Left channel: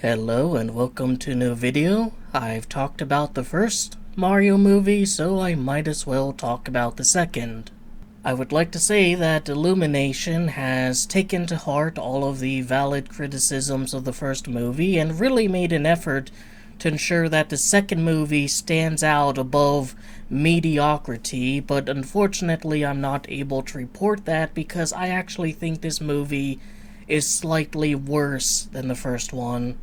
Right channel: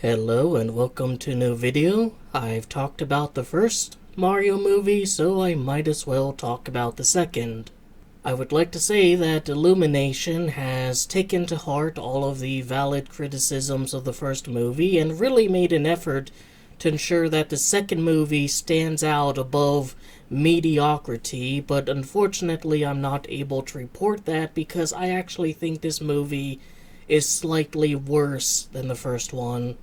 Hello and welcome to a new video. I've talked about the first Mario movie, so I might as well talk about the second. I would like to say that Illumination has taken to heart all of the valid criticisms of the first movie and really made an effort to ensure that the second movie stands out above mediocrity, but unfortunately I'm not able to report that because I actually think this movie is slightly worse than the first one.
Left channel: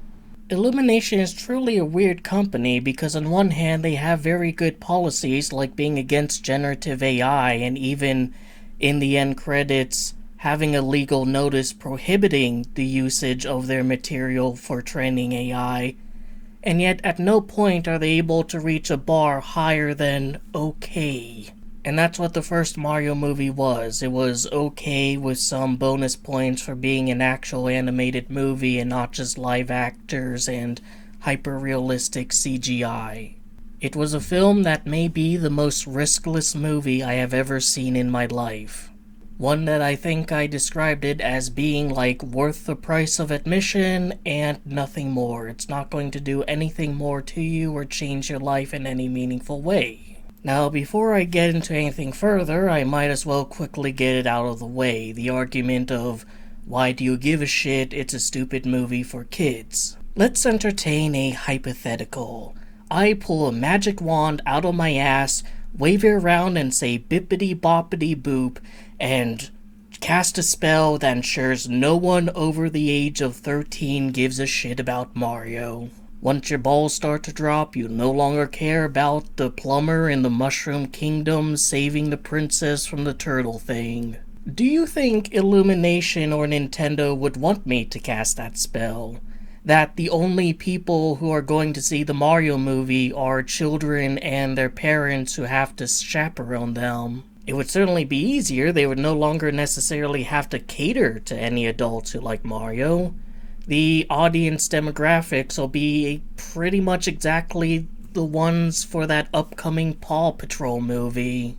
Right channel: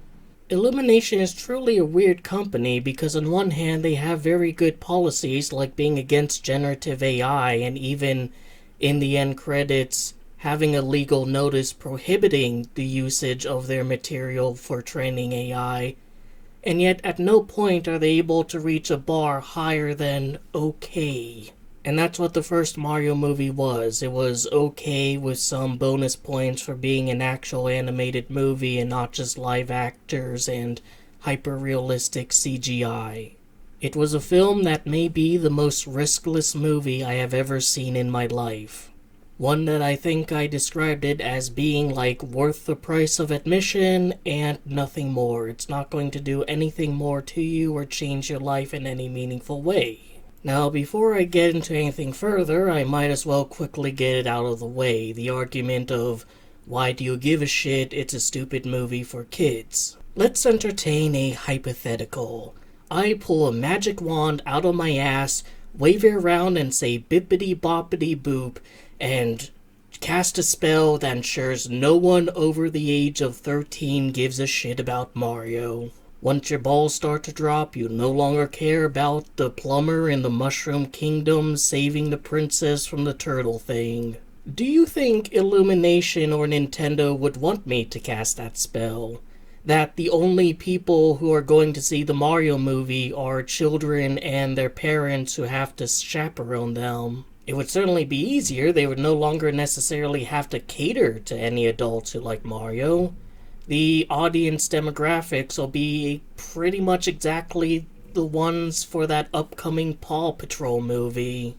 Illumination is truly a weird company because on one hand they have very good policies like being against generative AI and even in the end credits having a legal notice prohibiting the usage of their material for training AI, and yet at no point are they able to reach a bar higher than okay. And that's what the first Mario movie was. It was okay with some bonus points for being an actual animated movie and not just live actors and hyper-realistic CGI. It was a film that may be the most riskless movie I have ever seen in my life. One that I think I described it as being like worth the price of admission and nothing more. It's not going to do anything more to you or change your life in any meaningful way. Now, before I get into anything further, I might as well quickly get it out of the way. The argument of, why do you give a shit, it's a stupid movie for kids. Let's entertain a hypothetical. I pull a magic wand out of my ass, wave it around and say bippity boppity boop, and cast a spell that ensures no one over the age of 13 gives a shit about Mario. Once your balls start to drop, you no longer care about the plumber in the Mushroom Kingdom saving the princess from the turtle thing. Do you think Illumination or Nintendo would want me to cast that spell? That the only people who are going to see the Mario movie are children and their parents who have to chaperone them? It would certainly be easier. They would no longer necessarily have to cater to any adults who like Mario. The audience demographics will be pretty much exactly the ones for that upcoming Paw Patrol movie.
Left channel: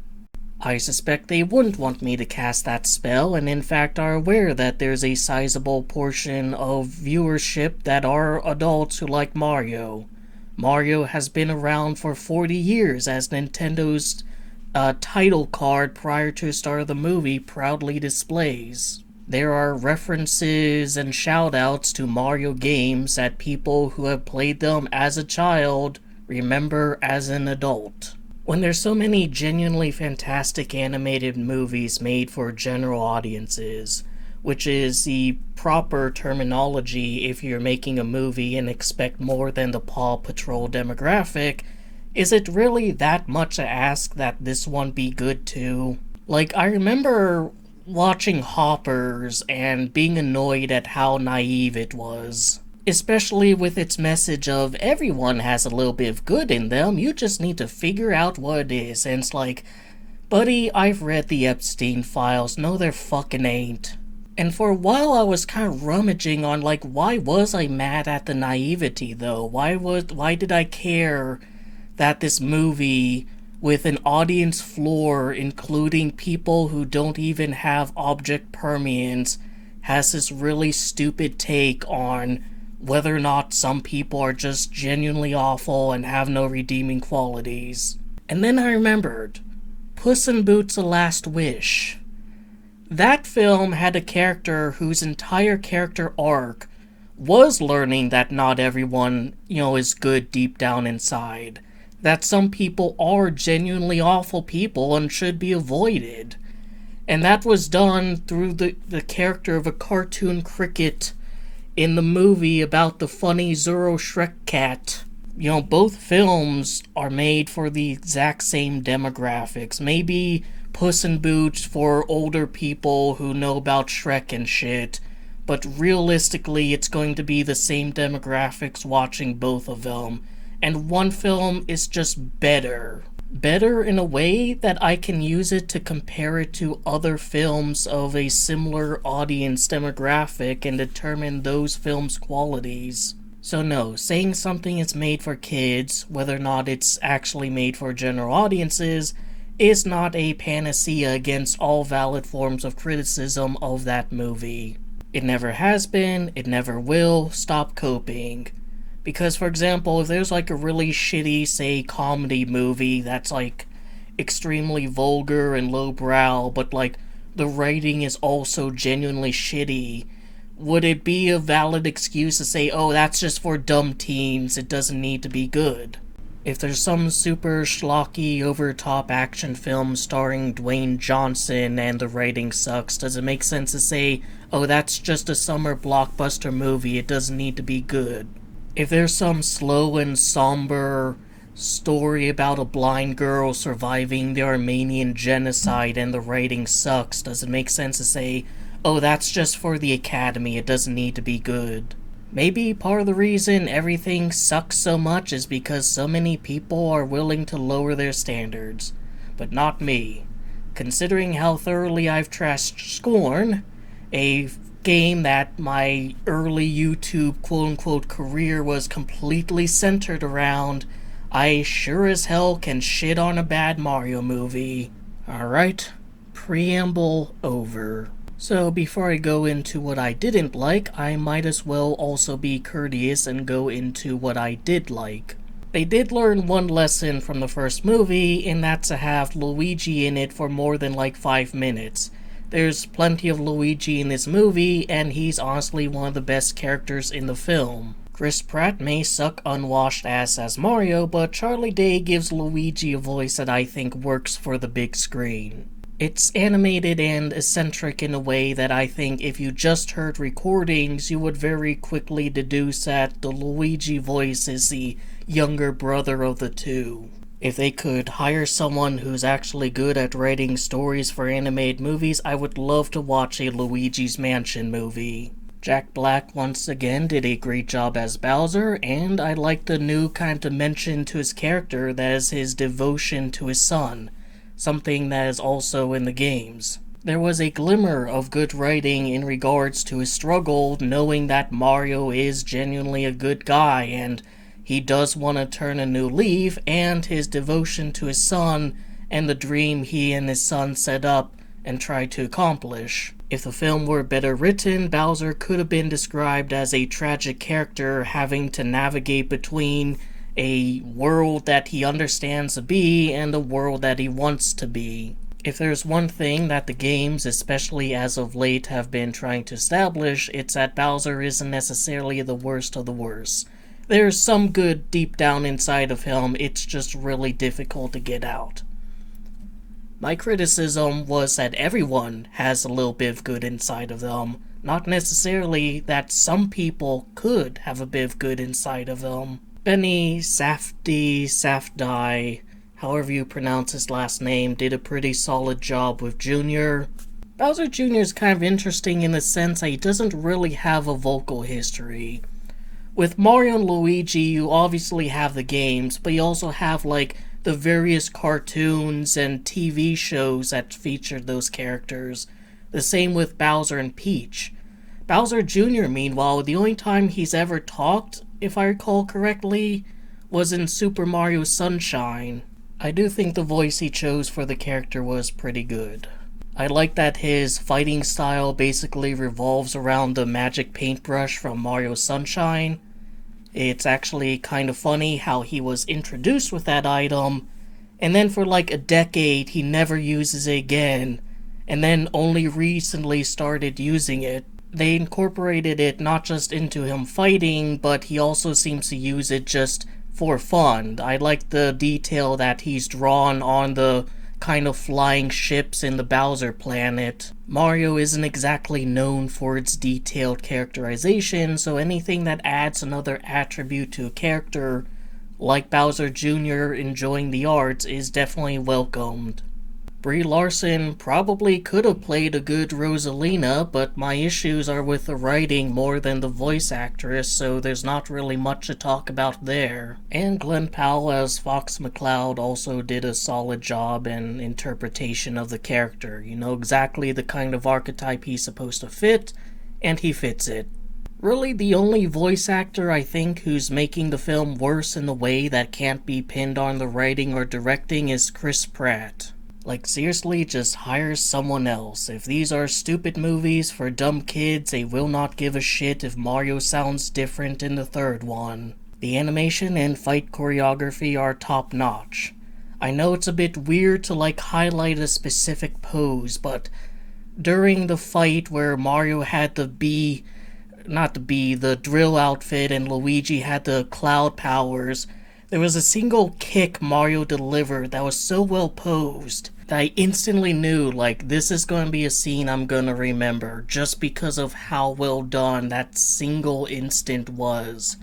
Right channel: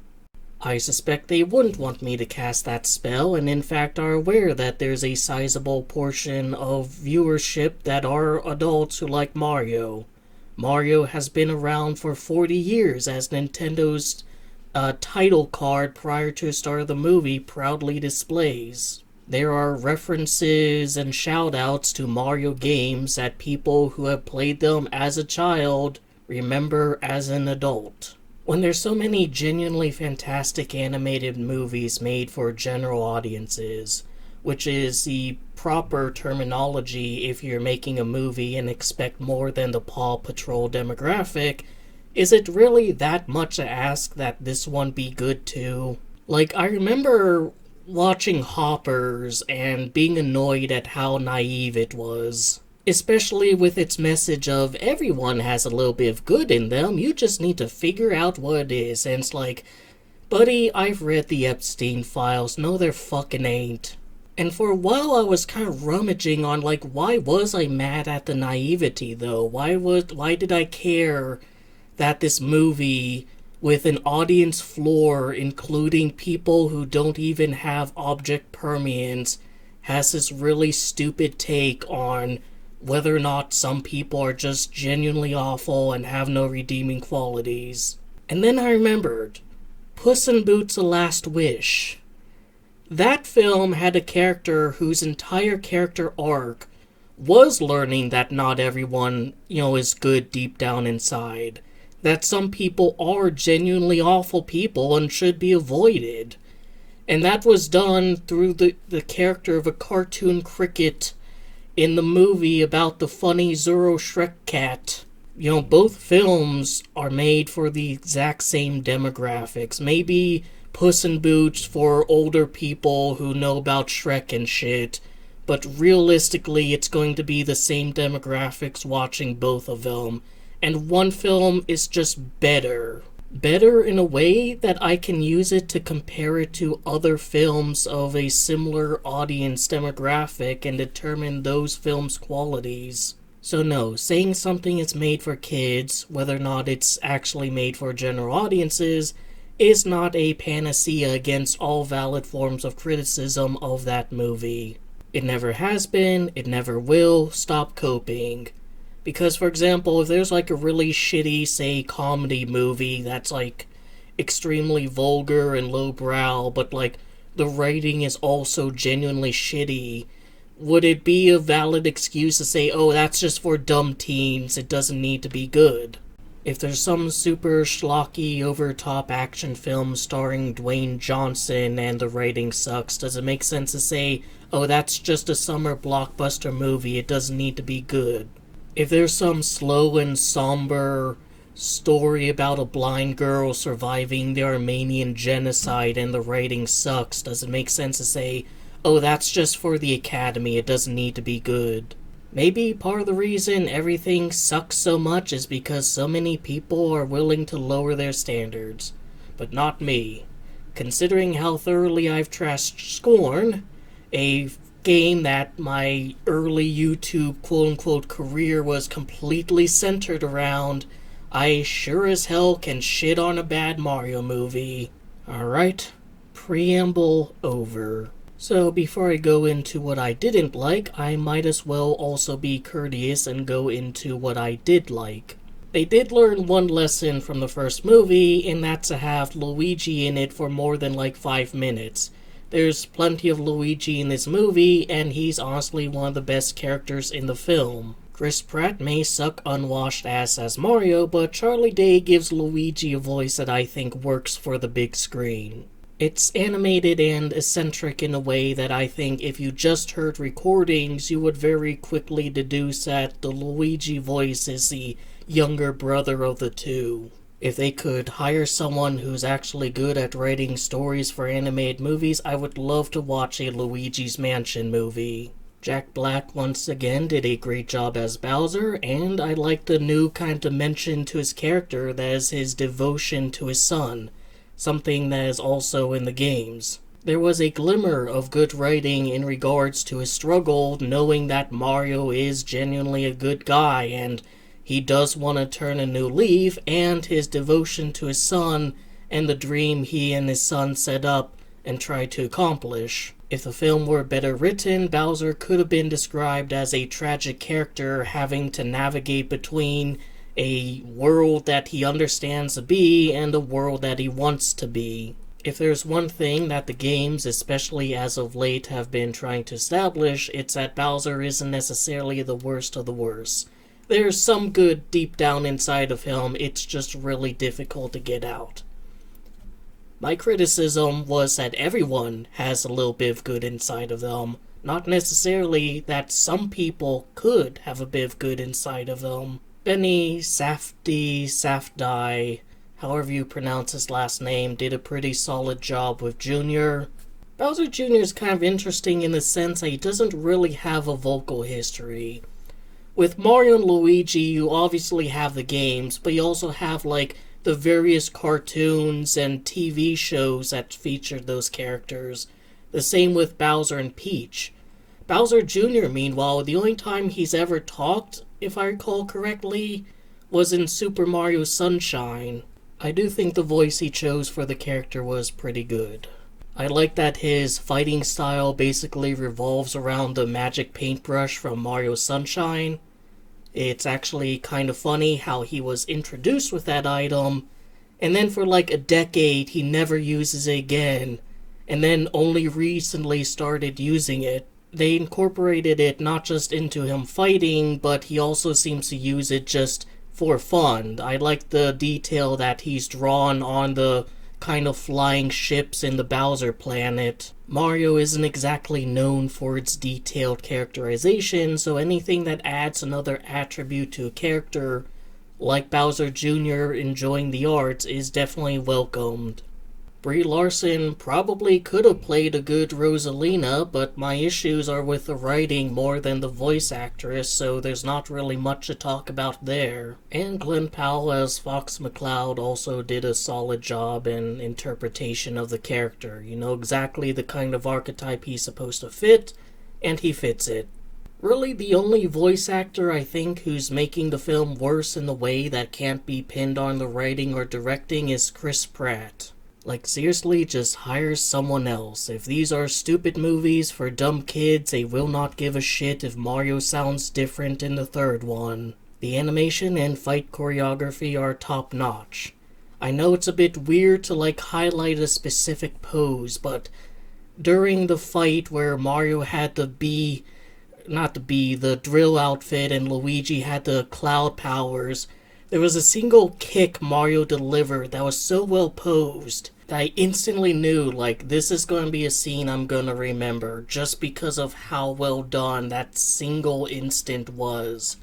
I suspect they wouldn't want me to cast that spell, and in fact are aware that there's a sizable portion of viewership that are adults who like Mario. Mario has been around for 40 years, as Nintendo's title card prior to the start of the movie proudly displays. There are references and shoutouts to Mario games that people who have played them as a child remember as an adult. When there's so many genuinely fantastic animated movies made for general audiences, which is the proper terminology if you're making a movie and expect more than the Paw Patrol demographic, is it really that much to ask that this one be good too? Like, I remember watching Hoppers and being annoyed at how naive it was. Especially with its message of everyone has a little bit of good in them, you just need to figure out what it is. And it's like, buddy, I've read the Epstein files, no there fucking ain't. And for a while I was kind of rummaging on like, why was I mad at the naivety though? Why did I care that this movie with an audience floor including people who don't even have object permanence, has this really stupid take on whether or not some people are just genuinely awful and have no redeeming qualities. And then I remembered, Puss in Boots: The Last Wish. That film had a character whose entire character arc was learning that not everyone, is good deep down inside. That some people are genuinely awful people and should be avoided. And that was done through the character of a cartoon cricket in the movie about the funny Zoro Shrek cat. Both films are made for the exact same demographics. Maybe Puss in Boots for older people who know about Shrek and shit, but realistically it's going to be the same demographics watching both of them. And one film is just better. Better in a way that I can use it to compare it to other films of a similar audience demographic and determine those films' qualities. So no, saying something is made for kids, whether or not it's actually made for general audiences, is not a panacea against all valid forms of criticism of that movie. It never has been, it never will. Stop coping. Because, for example, if there's like a really shitty, say, comedy movie that's like extremely vulgar and lowbrow, but like the writing is also genuinely shitty, would it be a valid excuse to say, oh, that's just for dumb teens, it doesn't need to be good? If there's some super schlocky, over-top action film starring Dwayne Johnson and the writing sucks, does it make sense to say, oh, that's just a summer blockbuster movie, it doesn't need to be good? If there's some slow and somber story about a blind girl surviving the Armenian genocide and the writing sucks, does it make sense to say, oh, that's just for the Academy, it doesn't need to be good? Maybe part of the reason everything sucks so much is because so many people are willing to lower their standards. But not me. Considering how thoroughly I've trashed Scorn, a game that my early YouTube quote-unquote career was completely centered around, I sure as hell can shit on a bad Mario movie. Alright, preamble over. So before I go into what I didn't like, I might as well also be courteous and go into what I did like. They did learn one lesson from the first movie, and that's to have Luigi in it for more than like 5 minutes. There's plenty of Luigi in this movie, and he's honestly one of the best characters in the film. Chris Pratt may suck unwashed ass as Mario, but Charlie Day gives Luigi a voice that I think works for the big screen. It's animated and eccentric in a way that I think if you just heard recordings, you would very quickly deduce that the Luigi voice is the younger brother of the two. If they could hire someone who's actually good at writing stories for animated movies, I would love to watch a Luigi's Mansion movie. Jack Black once again did a great job as Bowser, and I like the new kind of dimension to his character that is his devotion to his son, something that is also in the games. There was a glimmer of good writing in regards to his struggle, knowing that Mario is genuinely a good guy and he does want to turn a new leaf, and his devotion to his son and the dream he and his son set up and tried to accomplish. If the film were better written, Bowser could have been described as a tragic character having to navigate between a world that he understands to be and a world that he wants to be. If there's one thing that the games, especially as of late, have been trying to establish, it's that Bowser isn't necessarily the worst of the worst. There's some good deep down inside of him, it's just really difficult to get out. My criticism was that everyone has a little bit of good inside of them, not necessarily that some people could have a bit of good inside of them. Benny Safdie, however you pronounce his last name, did a pretty solid job with Jr. Bowser Jr. is kind of interesting in the sense that he doesn't really have a vocal history. With Mario and Luigi, you obviously have the games, but you also have, like, the various cartoons and TV shows that featured those characters. The same with Bowser and Peach. Bowser Jr., meanwhile, the only time he's ever talked, if I recall correctly, was in Super Mario Sunshine. I do think the voice he chose for the character was pretty good. I like that his fighting style basically revolves around the magic paintbrush from Mario Sunshine. It's actually kind of funny how he was introduced with that item, and then for like a decade he never uses it again, and then only recently started using it. They incorporated it not just into him fighting, but he also seems to use it just for fun. I like the detail that he's drawn on the kind of flying ships in the Bowser planet. Mario isn't exactly known for its detailed characterization, so anything that adds another attribute to a character, like Bowser Jr. enjoying the arts, is definitely welcomed. Brie Larson probably could have played a good Rosalina, but my issues are with the writing more than the voice actress, so there's not really much to talk about there. And Glenn Powell as Fox McCloud also did a solid job in interpretation of the character. You know exactly the kind of archetype he's supposed to fit, and he fits it. Really, the only voice actor I think who's making the film worse in the way that can't be pinned on the writing or directing is Chris Pratt. Like, seriously, just hire someone else. If these are stupid movies for dumb kids, they will not give a shit if Mario sounds different in the third one. The animation and fight choreography are top notch. I know it's a bit weird to highlight a specific pose, but during the fight where Mario had the drill outfit and Luigi had the cloud powers, there was a single kick Mario delivered that was so well posed that I instantly knew, this is going to be a scene I'm going to remember, just because of how well done that single instant was.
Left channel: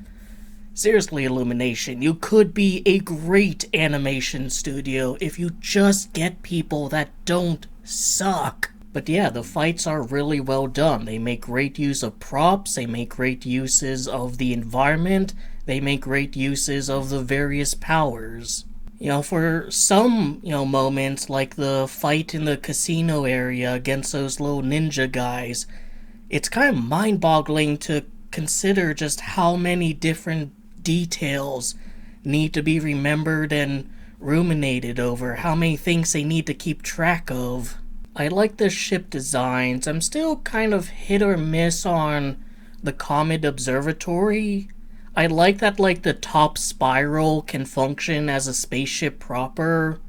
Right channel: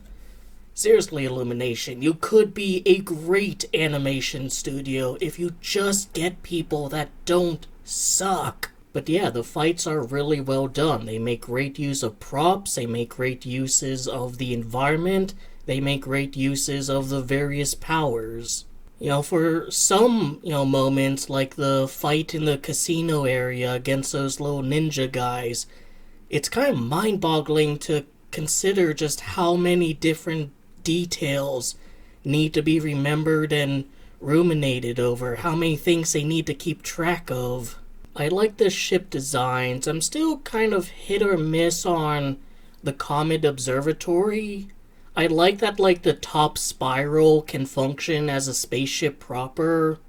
Seriously, Illumination, you could be a great animation studio if you just get people that don't suck. But yeah, the fights are really well done. They make great use of props, they make great uses of the environment, they make great uses of the various powers. For some, moments, like the fight in the casino area against those little ninja guys, it's kind of mind-boggling to consider just how many different details need to be remembered and ruminated over, how many things they need to keep track of. I like the ship designs. I'm still kind of hit or miss on the Comet Observatory. I like that the top spiral can function as a spaceship proper,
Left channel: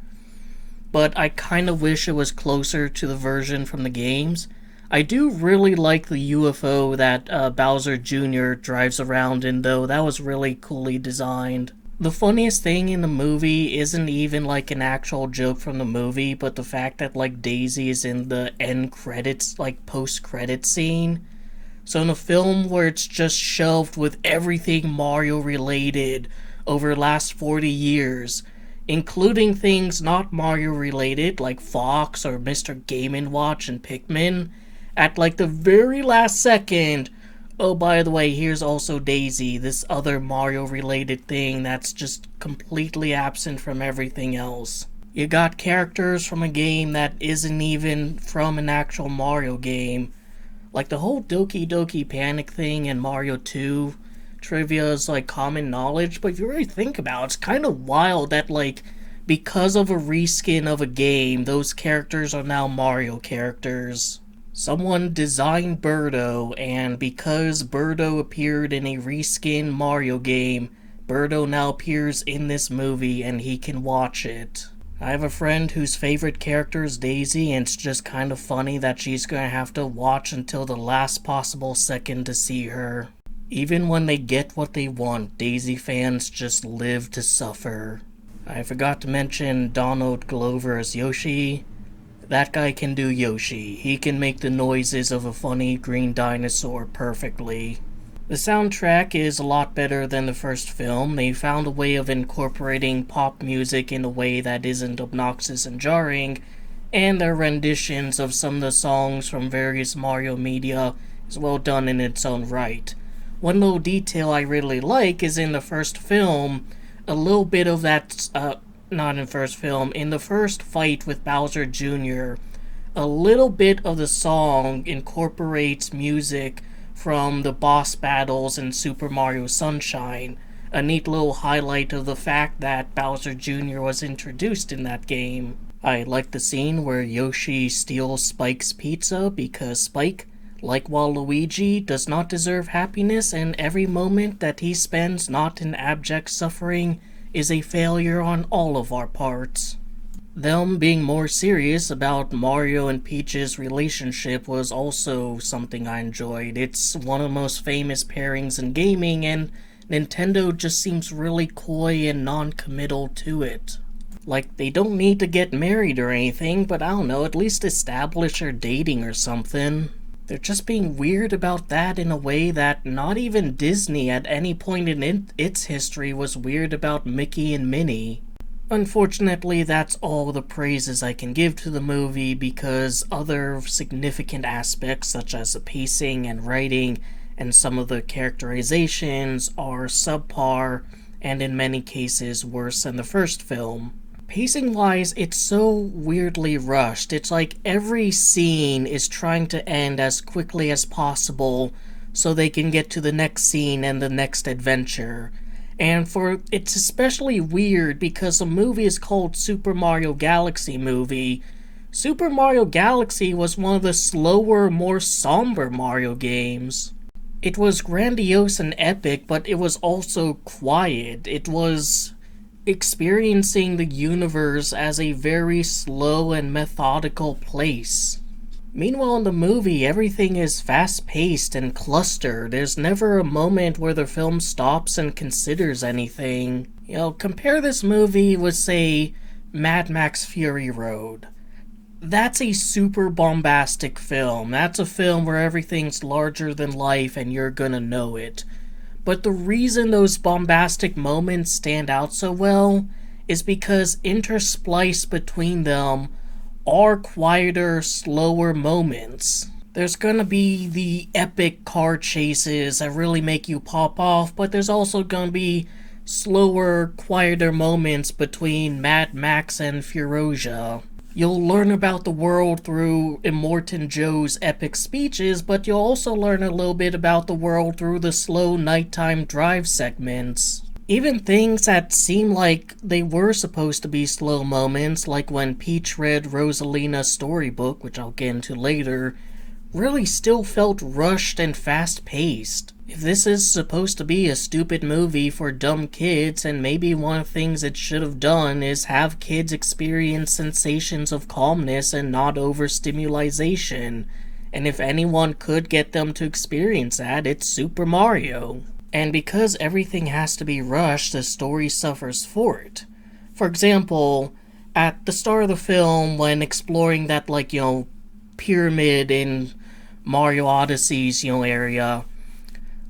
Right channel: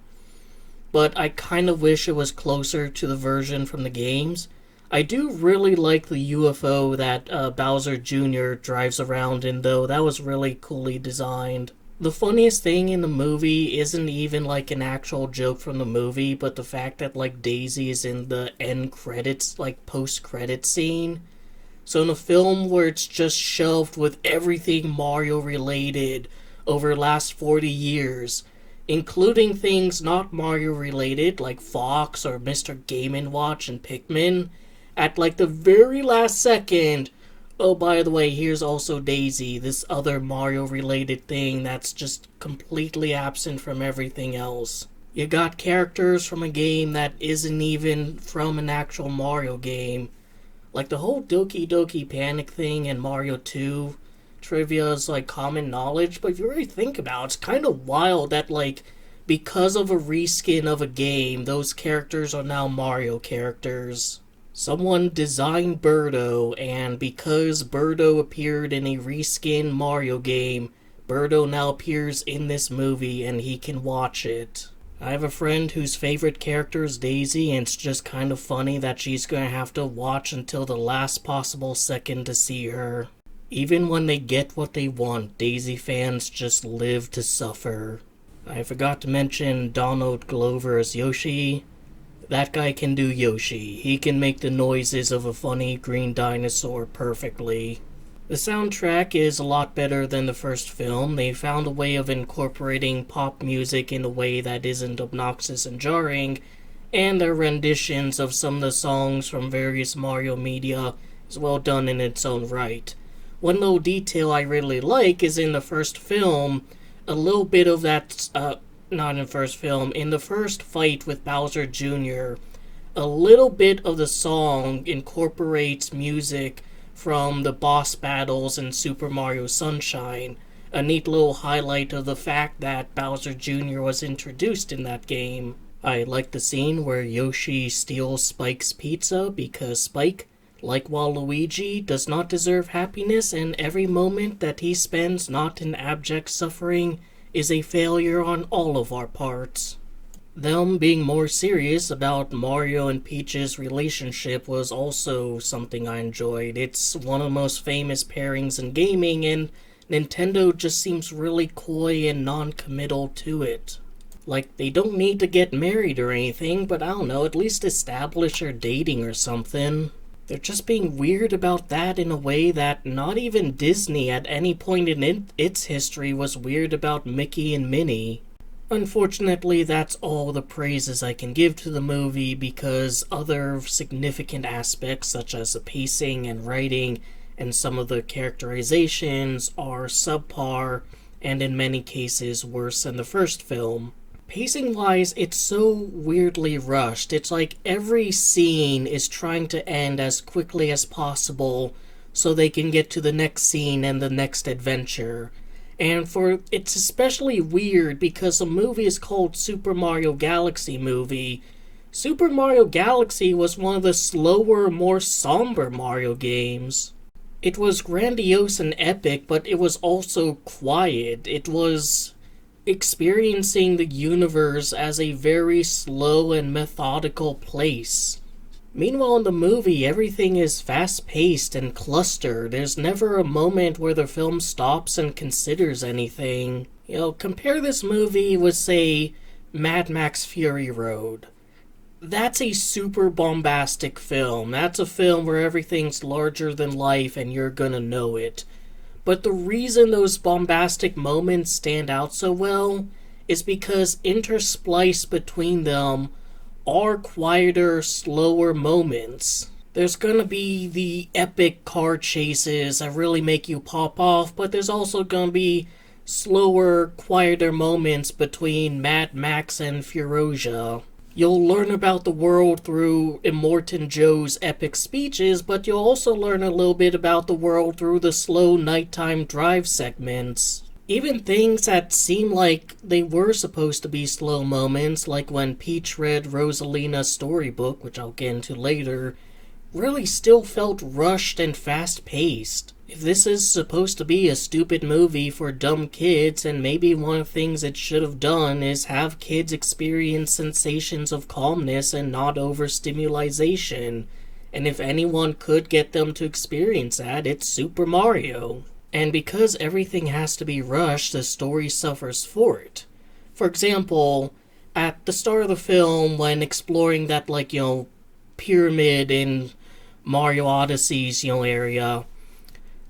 but I kind of wish it was closer to the version from the games. I do really like the UFO that Bowser Jr. drives around in, though. That was really coolly designed. The funniest thing in the movie isn't even an actual joke from the movie, but the fact that Daisy is in the end credits, post-credit scene. So in a film where it's just shelved with everything Mario related over the last 40 years, including things not Mario related like Fox or Mr. Game & Watch and Pikmin, at the very last second, oh, by the way, here's also Daisy, this other Mario-related thing that's just completely absent from everything else. You got characters from a game that isn't even from an actual Mario game. The whole Doki Doki Panic thing in Mario 2 trivia is, common knowledge, but if you really think about it, it's kind of wild that, because of a reskin of a game, those characters are now Mario characters. Someone designed Birdo, and because Birdo appeared in a reskin Mario game, Birdo now appears in this movie and he can watch it. I have a friend whose favorite character is Daisy, and it's just kind of funny that she's going to have to watch until the last possible second to see her. Even when they get what they want, Daisy fans just live to suffer. I forgot to mention Donald Glover as Yoshi. That guy can do Yoshi. He can make the noises of a funny green dinosaur perfectly. The soundtrack is a lot better than the first film. They found a way of incorporating pop music in a way that isn't obnoxious and jarring, and their renditions of some of the songs from various Mario media is well done in its own right. One little detail I really like is in the first film, a little bit of that, not in the first film, in the first fight with Bowser Jr., a little bit of the song incorporates music from the boss battles in Super Mario Sunshine, a neat little highlight of the fact that Bowser Jr. was introduced in that game. I like the scene where Yoshi steals Spike's pizza because Spike, like Waluigi, does not deserve happiness, and every moment that he spends not in abject suffering is a failure on all of our parts. Them being more serious about Mario and Peach's relationship was also something I enjoyed. It's one of the most famous pairings in gaming, and Nintendo just seems really coy and non-committal to it. They don't need to get married or anything, but I don't know, at least establish they're dating or something. They're just being weird about that in a way that not even Disney at any point in its history was weird about Mickey and Minnie. Unfortunately, that's all the praises I can give to the movie because other significant aspects such as the pacing and writing and some of the characterizations are subpar and in many cases worse than the first film. Pacing-wise, it's so weirdly rushed. It's like every scene is trying to end as quickly as possible so they can get to the next scene and the next adventure. And it's especially weird because the movie is called Super Mario Galaxy Movie. Super Mario Galaxy was one of the slower, more somber Mario games. It was grandiose and epic, but it was also quiet. It was experiencing the universe as a very slow and methodical place. Meanwhile, in the movie, everything is fast paced and clustered. There's never a moment where the film stops and considers anything. Compare this movie with, say, Mad Max Fury Road. That's a super bombastic film. That's a film where everything's larger than life and you're gonna know it. But the reason those bombastic moments stand out so well is because interspliced between them are quieter, slower moments. There's gonna be the epic car chases that really make you pop off, but there's also gonna be slower, quieter moments between Mad Max and Furosia. You'll learn about the world through Immortan Joe's epic speeches, but you'll also learn a little bit about the world through the slow nighttime drive segments. Even things that seem like they were supposed to be slow moments, like when Peach read Rosalina's storybook, which I'll get into later, really still felt rushed and fast-paced. If this is supposed to be a stupid movie for dumb kids, and maybe one of the things it should have done is have kids experience sensations of calmness and not overstimulation. And if anyone could get them to experience that, it's Super Mario. And because everything has to be rushed, the story suffers for it. For example, at the start of the film, when exploring that, pyramid in Mario Odyssey's, area,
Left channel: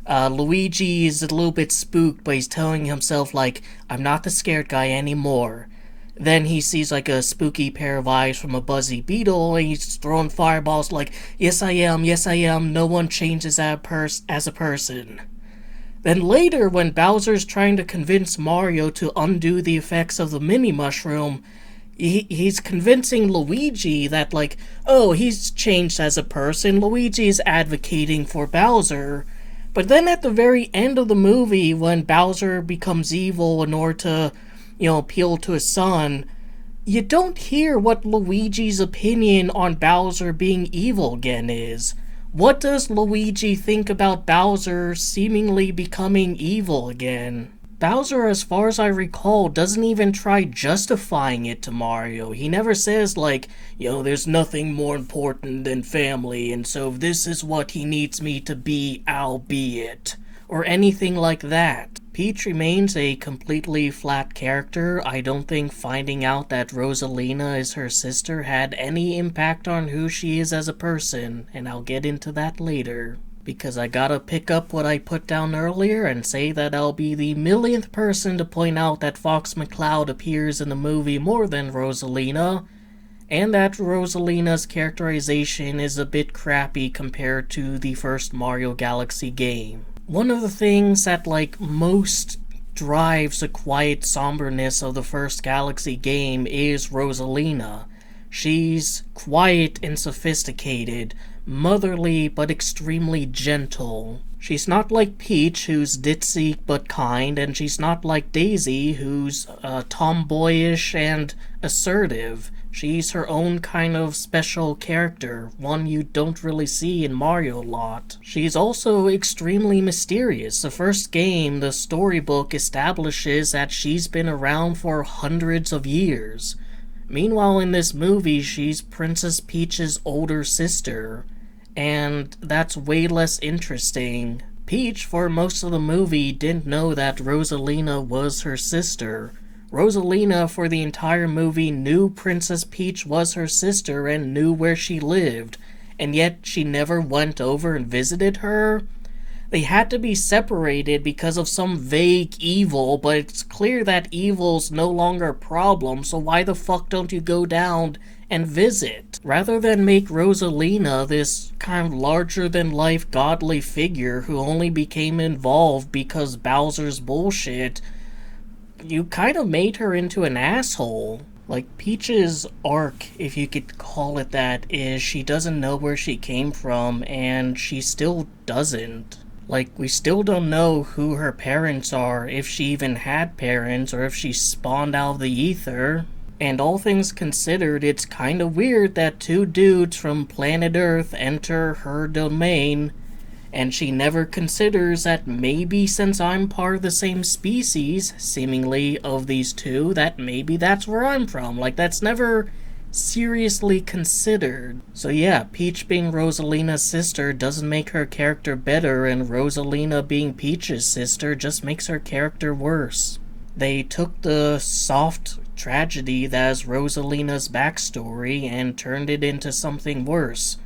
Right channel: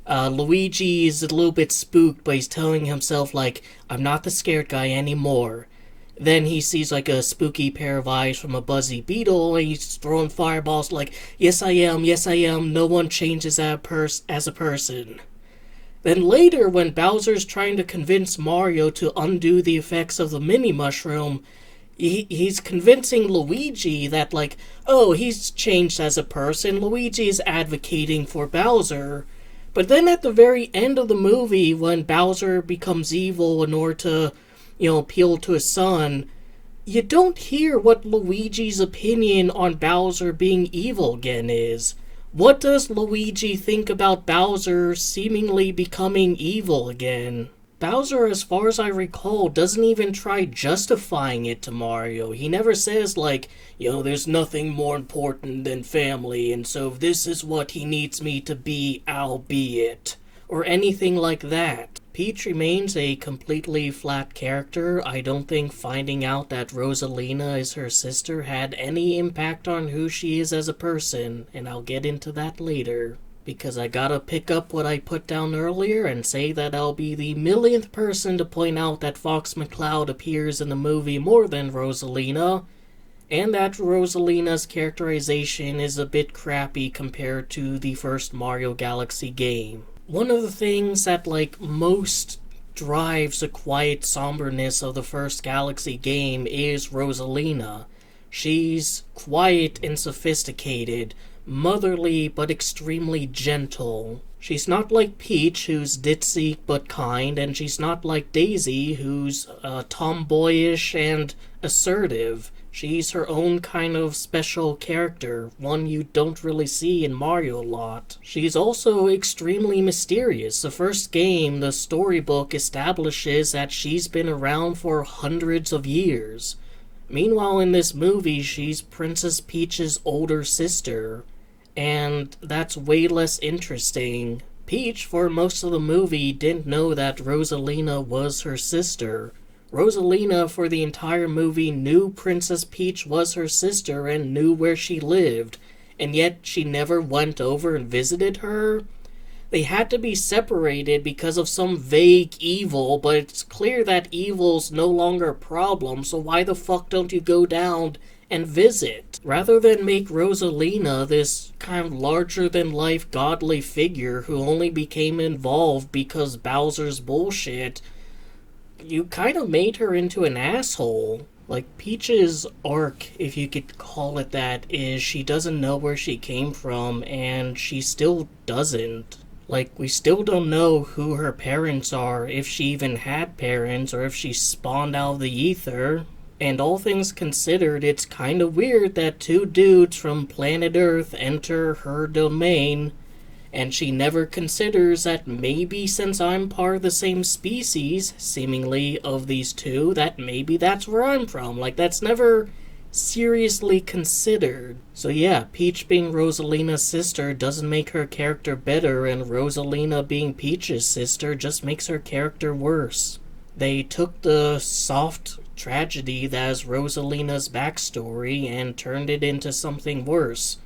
Luigi is a little bit spooked, but he's telling himself, I'm not the scared guy anymore. Then he sees, a spooky pair of eyes from a buzzy beetle, and he's throwing fireballs yes I am, no one changes as a person. Then later, when Bowser's trying to convince Mario to undo the effects of the mini-mushroom, he's convincing Luigi that, he's changed as a person. Luigi is advocating for Bowser. But then at the very end of the movie, when Bowser becomes evil in order to, appeal to his son, you don't hear what Luigi's opinion on Bowser being evil again is. What does Luigi think about Bowser seemingly becoming evil again? Bowser, as far as I recall, doesn't even try justifying it to Mario. He never says, there's nothing more important than family, and so if this is what he needs me to be, I'll be it. Or anything like that. Peach remains a completely flat character. I don't think finding out that Rosalina is her sister had any impact on who she is as a person, and I'll get into that later. Because I gotta pick up what I put down earlier and say that I'll be the millionth person to point out that Fox McCloud appears in the movie more than Rosalina, and that Rosalina's characterization is a bit crappy compared to the first Mario Galaxy game. One of the things that, most drives the quiet somberness of the first Galaxy game is Rosalina. She's quiet and sophisticated, motherly but extremely gentle. She's not like Peach, who's ditzy but kind, and she's not like Daisy, who's tomboyish and assertive. She's her own kind of special character, one you don't really see in Mario a lot. She's also extremely mysterious. The first game, the storybook, establishes that she's been around for hundreds of years. Meanwhile, in this movie, she's Princess Peach's older sister, and that's way less interesting. Peach, for most of the movie, didn't know that Rosalina was her sister. Rosalina, for the entire movie, knew Princess Peach was her sister and knew where she lived, and yet she never went over and visited her. They had to be separated because of some vague evil, but it's clear that evil's no longer a problem, so why the fuck don't you go down and visit? Rather than make Rosalina this kind of larger-than-life godly figure who only became involved because Bowser's bullshit, you kind of made her into an asshole. Peach's arc, if you could call it that, is she doesn't know where she came from, and she still doesn't. Like, we still don't know who her parents are, if she even had parents, or if she spawned out of the ether. And all things considered, it's kind of weird that two dudes from planet Earth enter her domain, and she never considers that maybe since I'm part of the same species, seemingly, of these two, that maybe that's where I'm from. Like, that's never seriously considered. So yeah, Peach being Rosalina's sister doesn't make her character better, and Rosalina being Peach's sister just makes her character worse. They took the soft tragedy that is Rosalina's backstory and turned it into something worse,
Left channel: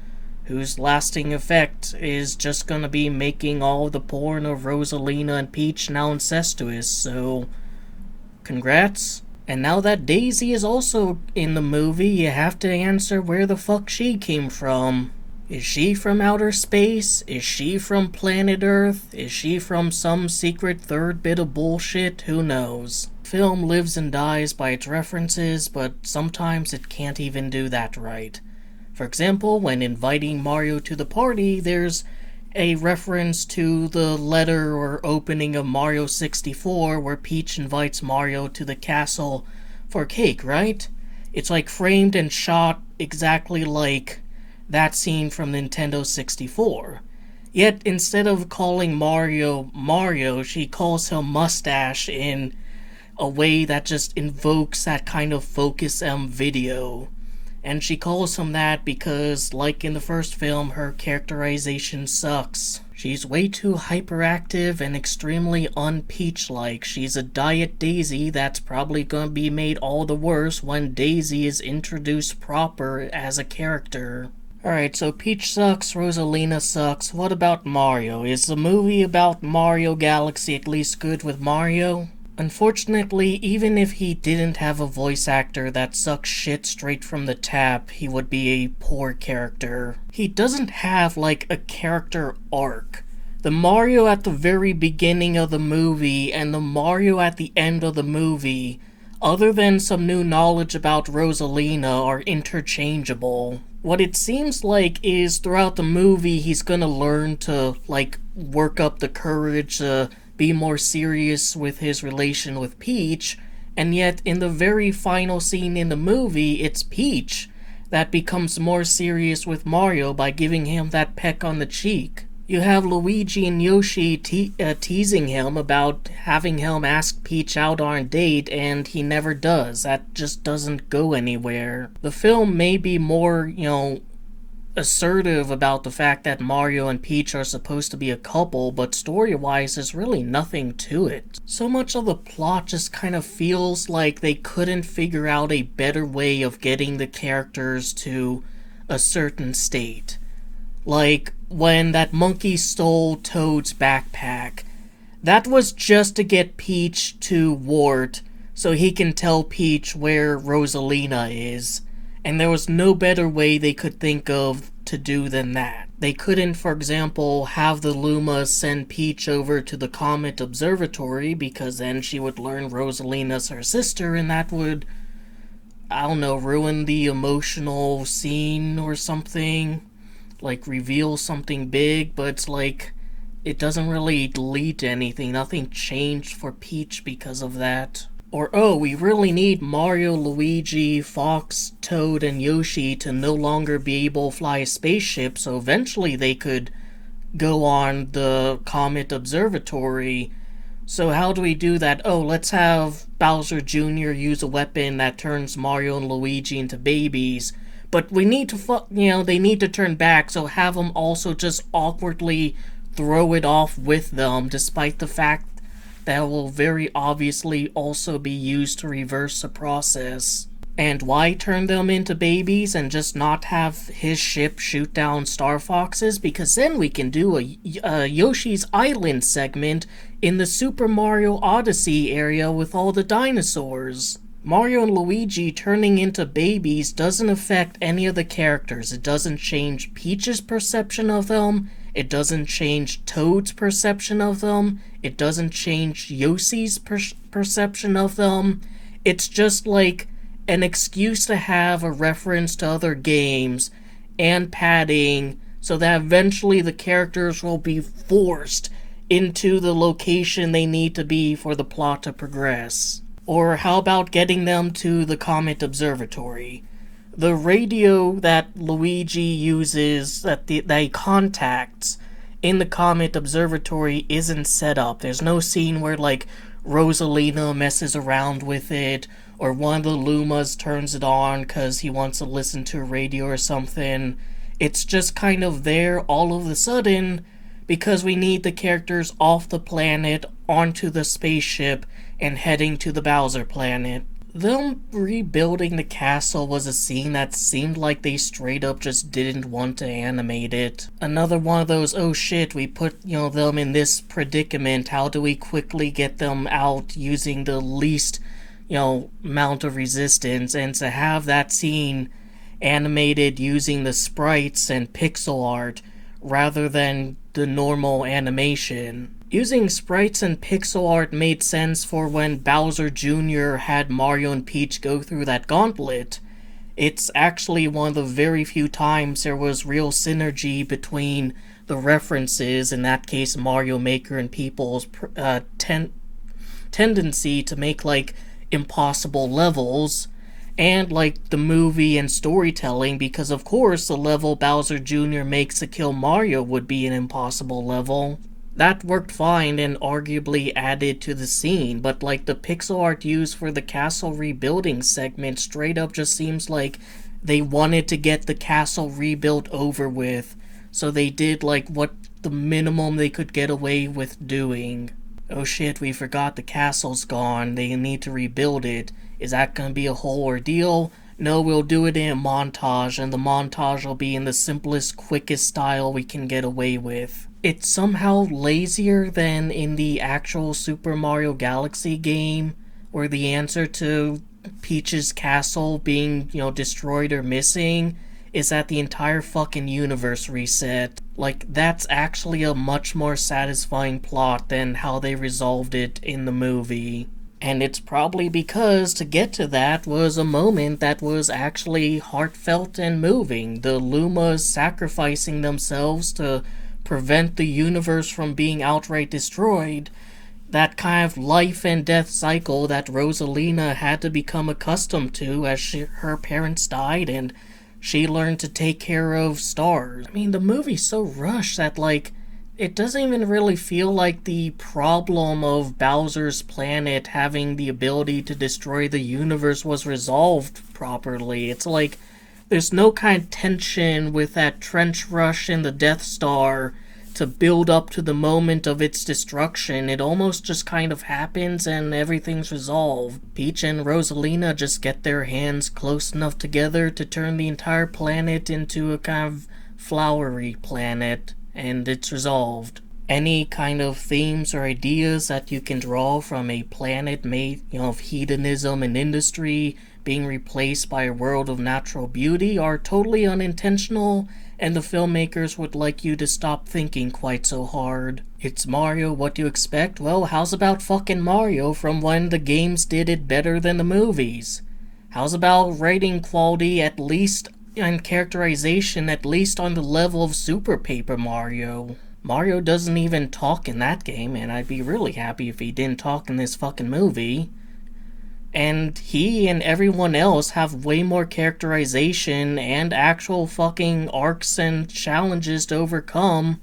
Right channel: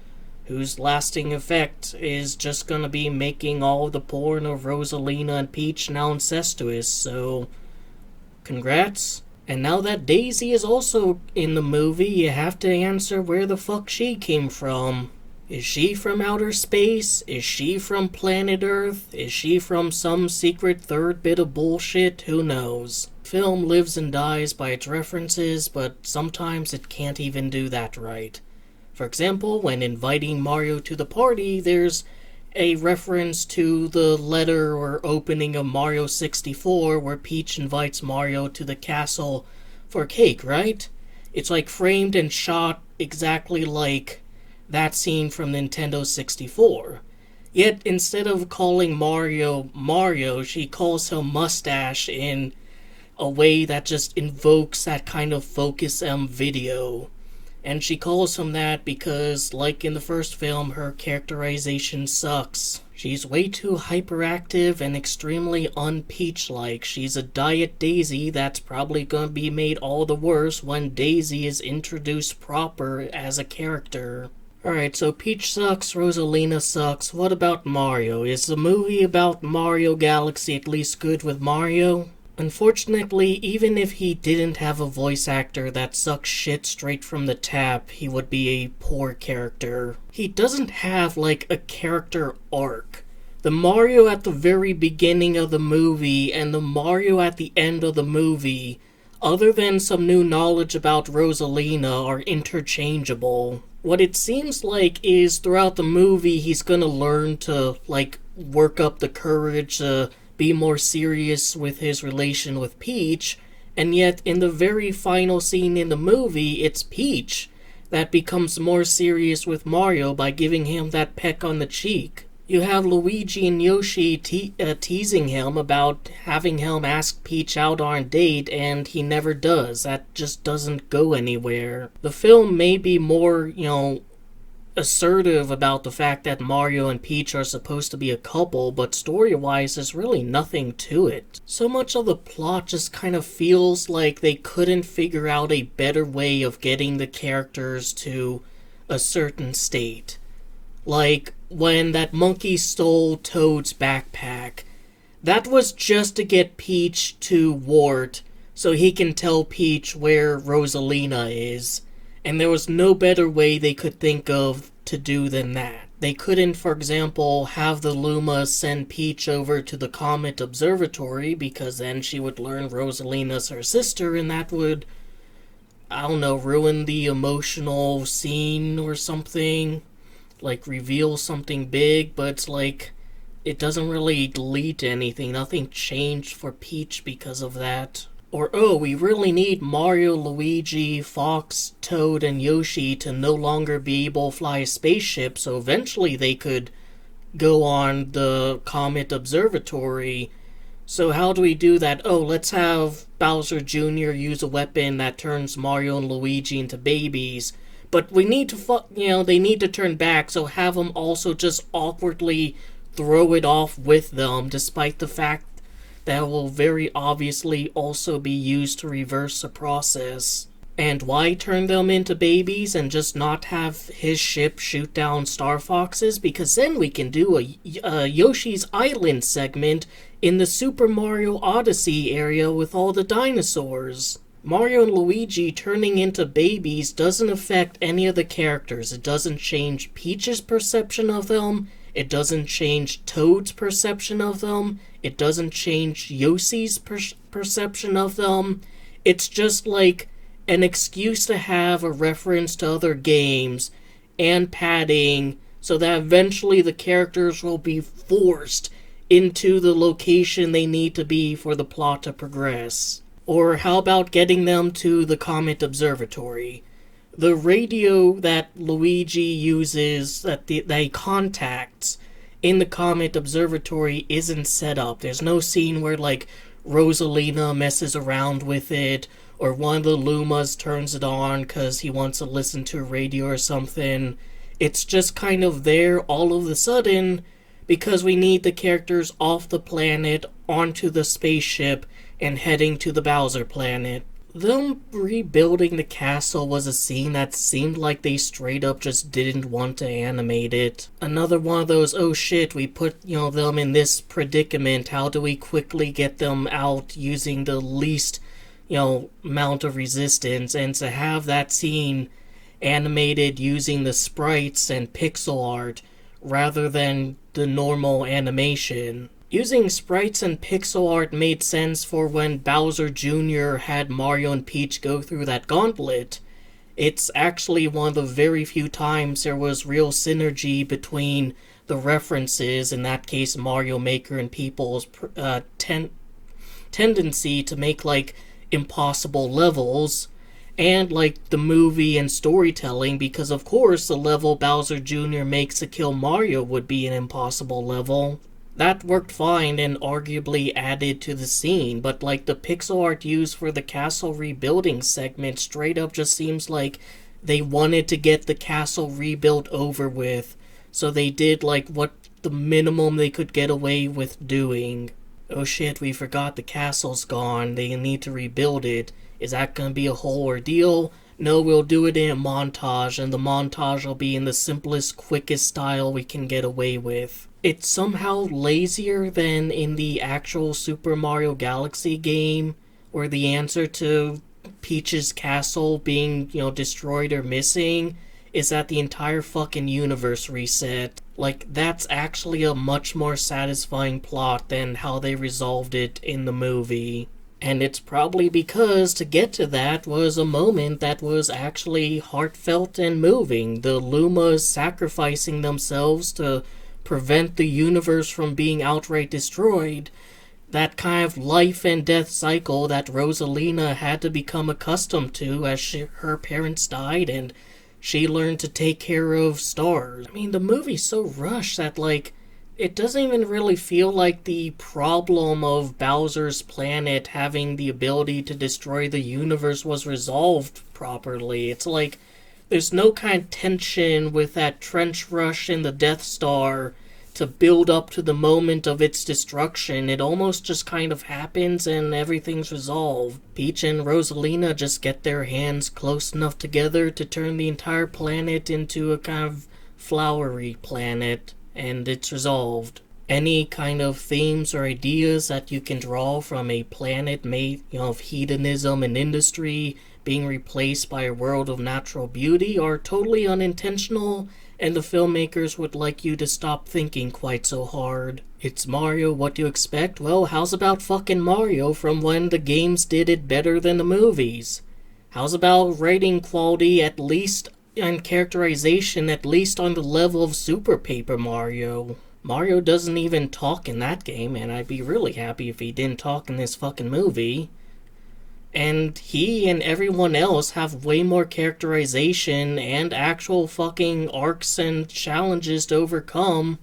whose lasting effect is just gonna be making all the porn of Rosalina and Peach now incestuous, so congrats. And now that Daisy is also in the movie, you have to answer where the fuck she came from. Is she from outer space? Is she from planet Earth? Is she from some secret third bit of bullshit? Who knows? Film lives and dies by its references, but sometimes it can't even do that right. For example, when inviting Mario to the party, there's a reference to the letter or opening of Mario 64 where Peach invites Mario to the castle for cake, right? It's like framed and shot exactly like that scene from Nintendo 64. Yet instead of calling Mario Mario, she calls him Mustache in a way that just invokes that kind of Focus M video. And she calls him that because, like in the first film, her characterization sucks. She's way too hyperactive and extremely un-Peach-like. She's a Diet Daisy that's probably gonna be made all the worse when Daisy is introduced proper as a character. Alright, so Peach sucks, Rosalina sucks. What about Mario? Is the movie about Mario Galaxy at least good with Mario? Unfortunately, even if he didn't have a voice actor that sucks shit straight from the tap, he would be a poor character. He doesn't have, like, a character arc. The Mario at the very beginning of the movie and the Mario at the end of the movie, other than some new knowledge about Rosalina, are interchangeable. What it seems like is throughout the movie he's gonna learn to, like, work up the courage to be more serious with his relation with Peach, and yet in the very final scene in the movie, it's Peach that becomes more serious with Mario by giving him that peck on the cheek. You have Luigi and Yoshi teasing him about having him ask Peach out on a date, and he never does. That just doesn't go anywhere. The film may be more, assertive about the fact that Mario and Peach are supposed to be a couple, but story-wise, there's really nothing to it. So much of the plot just kind of feels like they couldn't figure out a better way of getting the characters to a certain state. Like, when that monkey stole Toad's backpack, that was just to get Peach to Wart so he can tell Peach where Rosalina is. And there was no better way they could think of to do than that. They couldn't, for example, have the Lumas send Peach over to the Comet Observatory, because then she would learn Rosalina's her sister, and that would, I don't know, ruin the emotional scene or something. Like, reveal something big, but it's like, it doesn't really lead to anything. Nothing changed for Peach because of that. Or, oh, we really need Mario, Luigi, Fox, Toad, and Yoshi to no longer be able to fly a spaceship, so eventually they could go on the Comet Observatory. So how do we do that? Oh, let's have Bowser Jr. use a weapon that turns Mario and Luigi into babies. But we need to, they need to turn back, so have them also just awkwardly throw it off with them, despite the fact that will very obviously also be used to reverse the process. And why turn them into babies and just not have his ship shoot down Star Foxes? Because then we can do a Yoshi's Island segment in the Super Mario Odyssey area with all the dinosaurs. Mario and Luigi turning into babies doesn't affect any of the characters. It doesn't change Peach's perception of them. It doesn't change Toad's perception of them. It doesn't change Yoshi's perception of them. It's just like an excuse to have a reference to other games and padding so that eventually the characters will be forced into the location they need to be for the plot to progress. Or how about getting them to the Comet Observatory? The radio that Luigi uses, that he contacts in the Comet Observatory, isn't set up. There's no scene where, like, Rosalina messes around with it, or one of the Lumas turns it on because he wants to listen to a radio or something. It's just kind of there all of a sudden because we need the characters off the planet onto the spaceship and heading to the Bowser planet. Them rebuilding the castle was a scene that seemed like they straight up just didn't want to animate it. Another one of those, oh shit, we put, them in this predicament, how do we quickly get them out using the least, amount of resistance, and to have that scene animated using the sprites and pixel art rather than the normal animation. Using sprites and pixel art made sense for when Bowser Jr. had Mario and Peach go through that gauntlet. It's actually one of the very few times there was real synergy between the references, in that case Mario Maker and people's tendency to make, like, impossible levels, and, like, the movie and storytelling, because of course the level Bowser Jr. makes to kill Mario would be an impossible level. That worked fine and arguably added to the scene, but, like, the pixel art used for the castle rebuilding segment straight up just seems like they wanted to get the castle rebuilt over with, so they did, like, what the minimum they could get away with doing. Oh shit, we forgot the castle's gone, they need to rebuild it. Is that gonna be a whole ordeal? No, we'll do it in a montage, and the montage will be in the simplest, quickest style we can get away with. It's somehow lazier than in the actual Super Mario Galaxy game, where the answer to Peach's castle being, destroyed or missing is that the entire fucking universe reset. Like, that's actually a much more satisfying plot than how they resolved it in the movie. And it's probably because to get to that was a moment that was actually heartfelt and moving. The Lumas sacrificing themselves to prevent the universe from being outright destroyed. That kind of life and death cycle that Rosalina had to become accustomed to as her parents died and she learned to take care of stars. I mean, the movie's so rushed that, like, it doesn't even really feel like the problem of Bowser's planet having the ability to destroy the universe was resolved properly. It's like there's no kind of tension with that trench rush in the Death Star to build up to the moment of its destruction. It almost just kind of happens and everything's resolved. Peach and Rosalina just get their hands close enough together to turn the entire planet into a kind of flowery planet, and it's resolved. Any kind of themes or ideas that you can draw from a planet made, of hedonism and industry being replaced by a world of natural beauty are totally unintentional, and the filmmakers would like you to stop thinking quite so hard. It's Mario, what do you expect? Well, how's about fucking Mario from when the games did it better than the movies? How's about writing quality at least, and characterization at least on the level of Super Paper Mario? Mario doesn't even talk in that game, and I'd be really happy if he didn't talk in this fucking movie. And he and everyone else have way more characterization and actual fucking arcs and challenges to overcome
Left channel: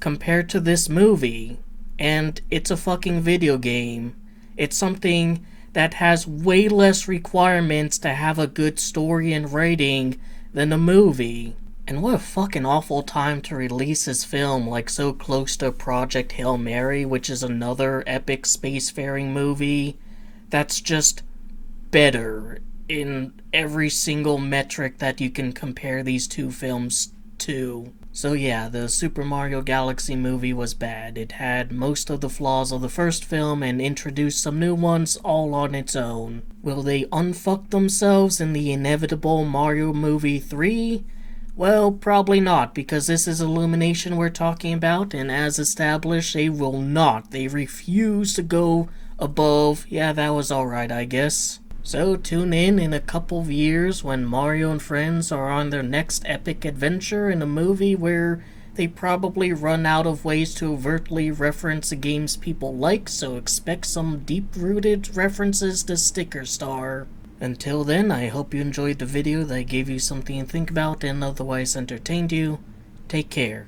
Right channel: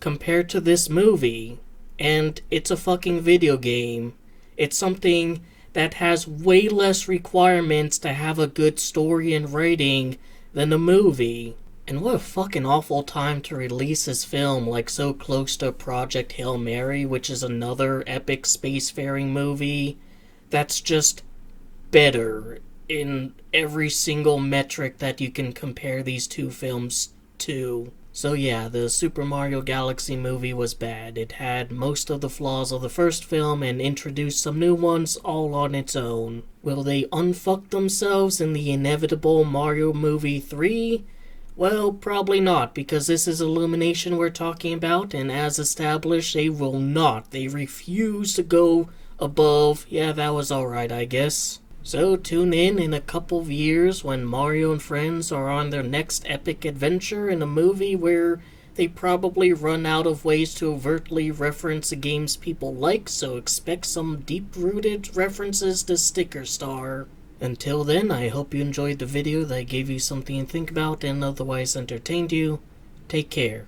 compared to this movie. And it's a fucking video game. It's something that has way less requirements to have a good story and writing than a movie. And what a fucking awful time to release this film, like so close to Project Hail Mary, which is another epic spacefaring movie that's just better in every single metric that you can compare these two films to. So yeah, the Super Mario Galaxy movie was bad. It had most of the flaws of the first film and introduced some new ones all on its own. Will they unfuck themselves in the inevitable Mario movie 3? Well, probably not, because this is Illumination we're talking about, and as established, they will not. They refuse to go above, yeah, that was alright, I guess. So tune in a couple of years when Mario and friends are on their next epic adventure in a movie where they probably run out of ways to overtly reference the games people like, so expect some deep-rooted references to Sticker Star. Until then, I hope you enjoyed the video that gave you something to think about and otherwise entertained you. Take care.